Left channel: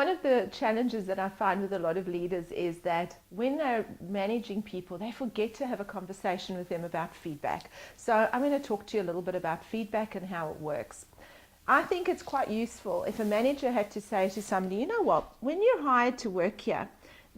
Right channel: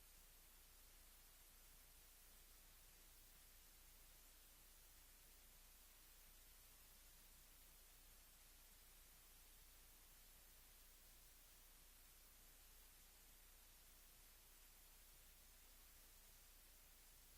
one of the challenges that I find with a lot of leaders is that when they're managing people, they forget to have a conversation with them about feedback. So I'm going to talk to you a little bit about feedback and how it works. I think it's quite useful if a manager had to say to somebody, you know what, when you're hired to work here,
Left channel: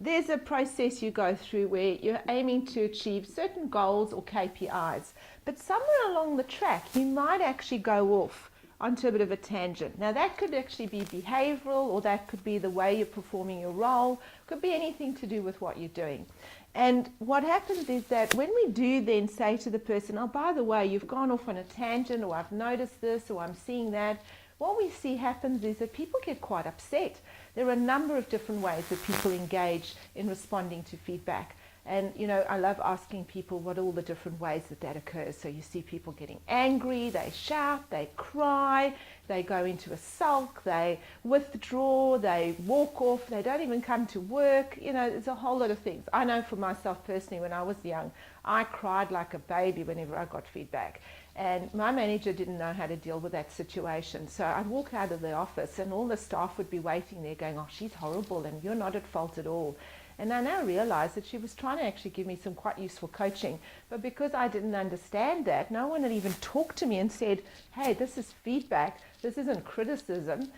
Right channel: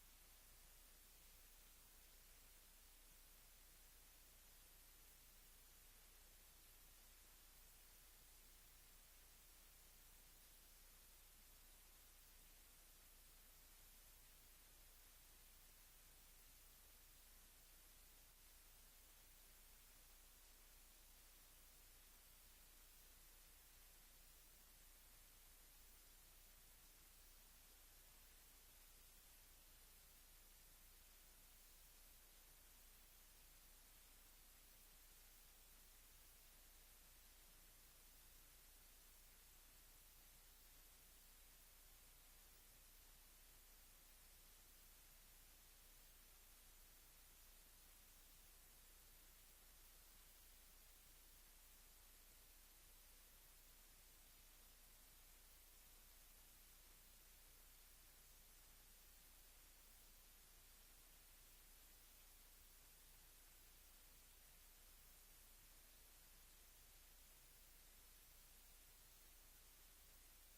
there's a process you go through where you're aiming to achieve certain goals or KPIs, but somewhere along the track you might actually go off onto a bit of a tangent. Now that could actually be behavioral, or that could be the way you're performing your role, could be anything to do with what you're doing. And what happens is that when we do then say to the person, oh, by the way, you've gone off on a tangent, or I've noticed this, or I'm seeing that, what we see happens is that people get quite upset. There are a number of different ways that people engage in responding to feedback. And, you know, I love asking people what all the different ways that that occurs. So you see people getting angry, they shout, they cry, they go into a sulk, they withdraw, they walk off, they don't even come to work. You know, there's a whole lot of things. I know for myself personally, when I was young, I cried like a baby whenever I got feedback. And my manager didn't know how to deal with that situation. So I'd walk out of the office and all the staff would be waiting there going, oh, she's horrible and you're not at fault at all. And I now realize that she was trying to actually give me some quite useful coaching. But because I didn't understand that, no one had even talked to me and said, hey, this is feedback, this isn't criticism.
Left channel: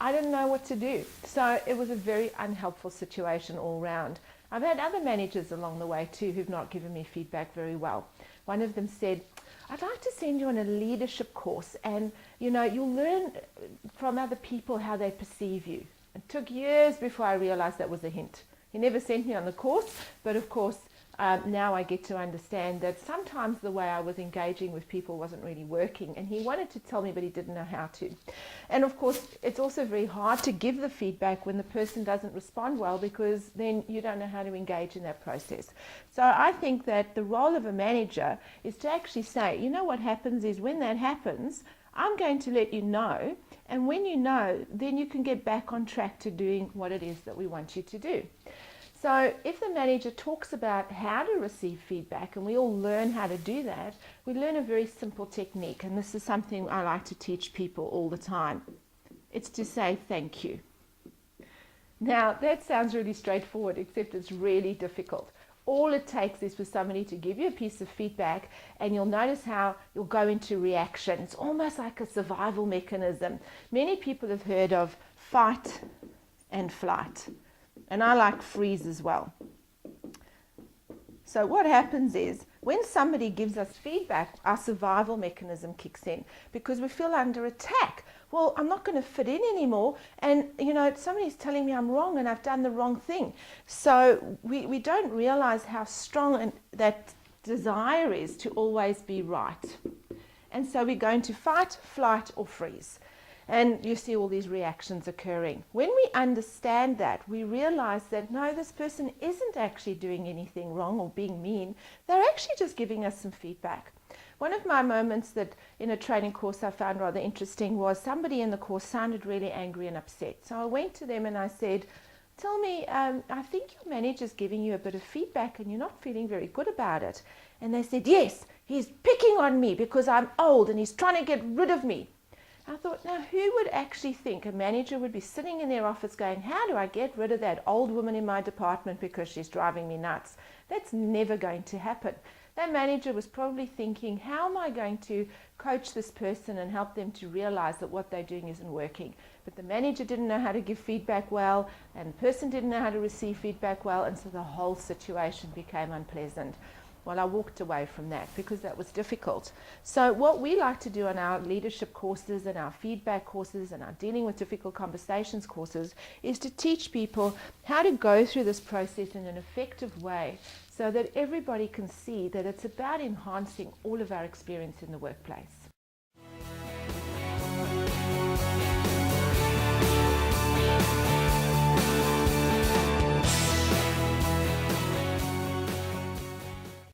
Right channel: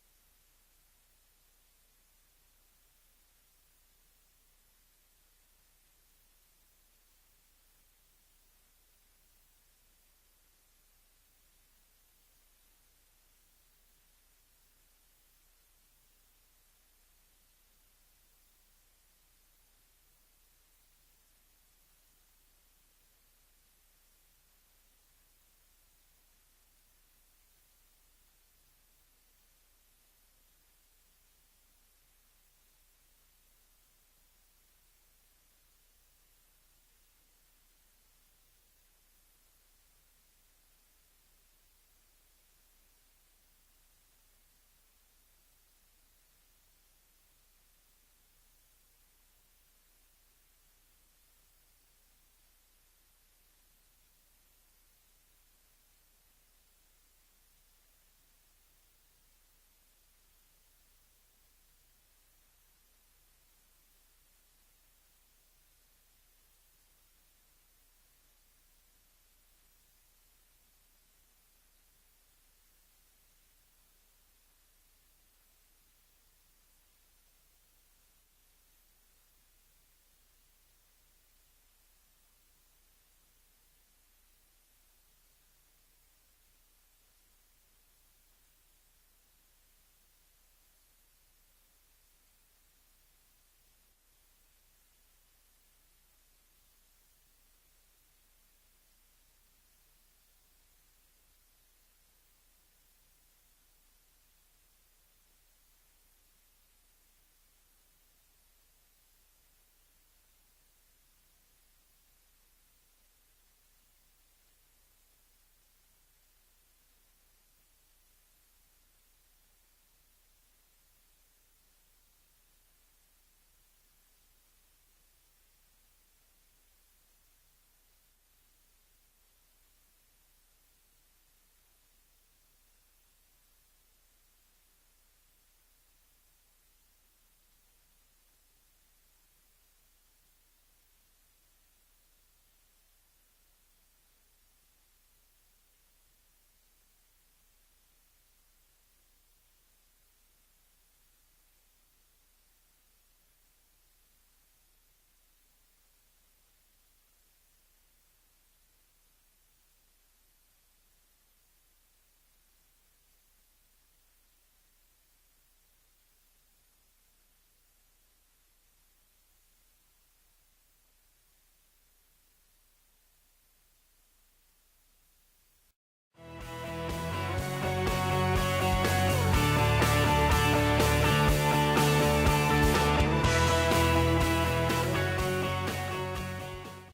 I didn't know what to do. So it was a very unhelpful situation all round. I've had other managers along the way too who've not given me feedback very well. One of them said, I'd like to send you on a leadership course, and you know, you'll learn from other people how they perceive you. It took years before I realized that was a hint. He never sent me on the course, but of course now I get to understand that sometimes the way I was engaging with people wasn't really working, and he wanted to tell me but he didn't know how to. And of course it's also very hard to give the feedback when the person doesn't respond well, because then you don't know how to engage in that process. So I think that the role of a manager is to actually say, you know, what happens is when that happens, I'm going to let you know, and when you know, then you can get back on track to doing what it is that we want you to do. So if the manager talks about how to receive feedback, and we all learn how to do that, we learn a very simple technique, and this is something I like to teach people all the time. It's to say thank you. Now that sounds really straightforward, except it's really difficult. All it takes is for somebody to give you a piece of feedback, and you'll notice how you'll go into reaction. It's almost like a survival mechanism. Many people have heard of fight and flight, and I like freeze as well. So what happens is when somebody gives us feedback, our survival mechanism kicks in because we feel under attack. Well, I'm not going to fit in anymore, and you know, somebody's telling me I'm wrong and I've done the wrong thing. So we don't realize how strong that desire is to always be right. And so we're going to fight, flight, or freeze. And you see all these reactions occurring. When we understand that, we realize that no, this person isn't actually doing anything wrong or being mean. They're actually just giving us some feedback. One of my moments that in a training course I found rather interesting was somebody in the course sounded really angry and upset. So I went to them and I said, tell me, I think your manager's giving you a bit of feedback and you're not feeling very good about it. And they said, yes, he's picking on me because I'm old and he's trying to get rid of me. I thought, now who would actually think a manager would be sitting in their office going, how do I get rid of that old woman in my department because she's driving me nuts? That's never going to happen. That manager was probably thinking, how am I going to coach this person and help them to realize that what they're doing isn't working? But the manager didn't know how to give feedback well, and the person didn't know how to receive feedback well, and so the whole situation became unpleasant. Well, I walked away from that because that was difficult. So what we like to do on our leadership courses and our feedback courses and our dealing with difficult conversations courses is to teach people how to go through this process in an effective way so that everybody can see that it's about enhancing all of our experience in the workplace.